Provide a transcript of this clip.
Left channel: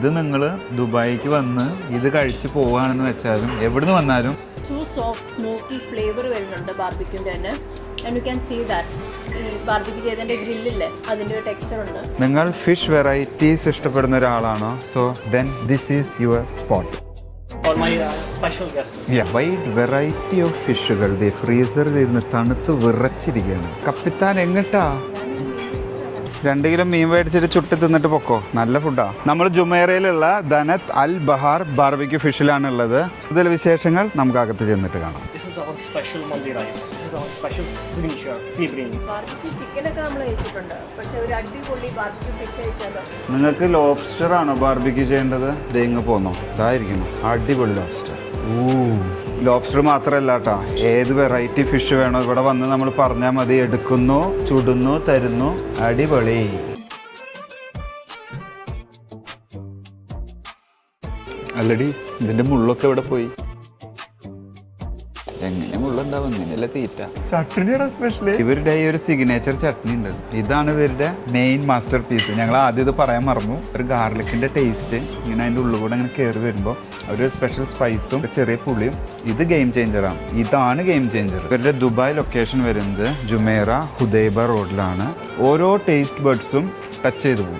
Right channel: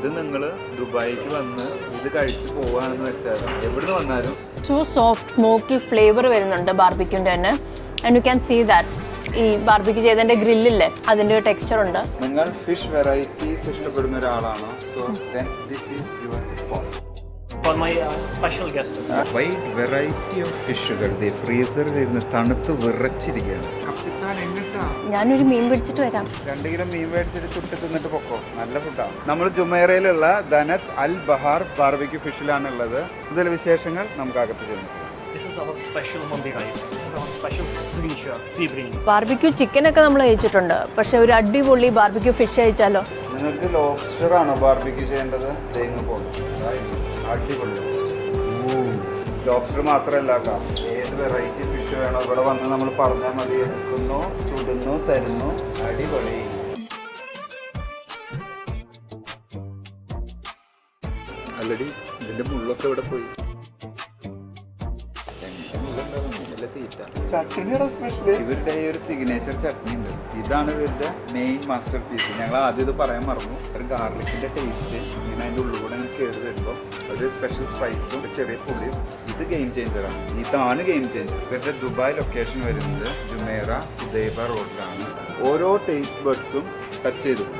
ഇത് നിങ്ങൾ ദുബായിക്ക് വന്ന് ഇത് കഴിച്ച് പോവുകയാണെന്ന് വെച്ചാലും എവിടുന്ന് വന്നാലും സോഫ്റ്റ് സ്മോക്കി ഫ്ലേവർ വരുന്നുണ്ട് ബാർബിക്യൂൻ്റെ തന്നെ. And you can see that ഈ ബാർബിക്യൂ ചെയ്തതിൻ്റെ ഗ്രില്ലില്ലേ അതിൻ്റെ ഒരു ടെക്സ്ചർ ഉണ്ട്. നിങ്ങൾ ഫിഷ് വെറൈറ്റീസ് ഇഷ്ടപ്പെടുന്ന ഒരാളാണോ? So then this is your spot. For my special guests. Wide variety of ഫിഷുകൾ ഫ്രീസറിൽ ഇരുന്ന് തണുത്ത് വിറച്ചിരിക്കുകയാണ്. കപ്പിത്താൻ എങ്ങട്ടാ? ഞാനൊരു മീൻ പിടിച്ചിട്ട് വരാം. 2 കിലോ മീൻ മേടിച്ചിട്ട് ചുട്ടി തിന്നിട്ട് പൊക്കോ. നല്ല ഫുഡാ. നമ്മൾ ജുമൈറയിലുള്ള ദനത്ത് അൽ ബഹാർ ബാർബിക്യൂ ഫിഷിലാണ് ഉള്ളത്. ഇതിൽ വിശേഷങ്ങൾ നമുക്ക് അകത്ത് ചെന്നിട്ട് കാണാം. This is our special Mandi rice. This is our special signature sea bream. Barbecue ചിക്കനൊക്കെ നമ്മൾ കഴിച്ചിട്ടുണ്ട്, പക്ഷെ ഒരു അടിപൊളി ബാർബിക്യൂ ഫിഷ് കഴിച്ചാലോ? നിങ്ങൾക്ക് ലോബ്സ്റ്റർ ആണോ ബാർബിക്യൂ ചെയ്യേണ്ടത്? തേങ്ങ പോന്നോ? ഇതായിരിക്കും അടിപൊളി ലോബ്സ്റ്റർ. ലോബ്സ്റ്റർ മാത്രമല്ല കേട്ടോ, ഏത് വെറൈറ്റി ഫിഷ് വേണോ ഇവിടെ വന്ന് നമ്മൾ പറഞ്ഞാൽ മതി. എടുക്കുന്നു, ചുടുന്നു, തരുന്നു. അടിപൊളി. അല്ലടി, ഇതിന്റെ മുള്ളൊക്കെ ഇവിടെ പോയി. എങ്ങനെ മുള്ളുണ്ടാവും? ഇല്ല തീറ്റ. ചട്നിയുടെ സ്പെഷ്യൽ ഇവരുടെ ഈ ഒരു സിഗ്നേച്ചർ ചട്നി ഉണ്ട്. ഇതാണ് ഇവരുടെ മെയിൻ മാസ്റ്റർ പീസ്. ഞങ്ങൾ ആദ്യം ഇത് പറയാൻ മറന്നു. ഒരു ഗാർലിക്കിന്റെ ടേസ്റ്റ് ഇങ്ങനെ അതിന്റെ ഉള്ളിൽ കൂടെ ഇങ്ങനെ കയറി വരുമ്പോൾ ഒരു സ്പെഷ്യൽ സ്പൈസും ചെറിയ പുളിയും. ഇത് ഗെയിം ചേഞ്ചറാണ്. ഇതാണ് ഗെയിം ചേഞ്ചർ. ഇവരുടെ ദുബായ് ലൊക്കേഷൻ വരുന്നത് ജുമൈറ ഹുദൈബ റോഡിലാണ്. ഓരോ ടേസ്റ്റ് ബഡ്സും ടച്ച് ചെയ്ത് പോകും.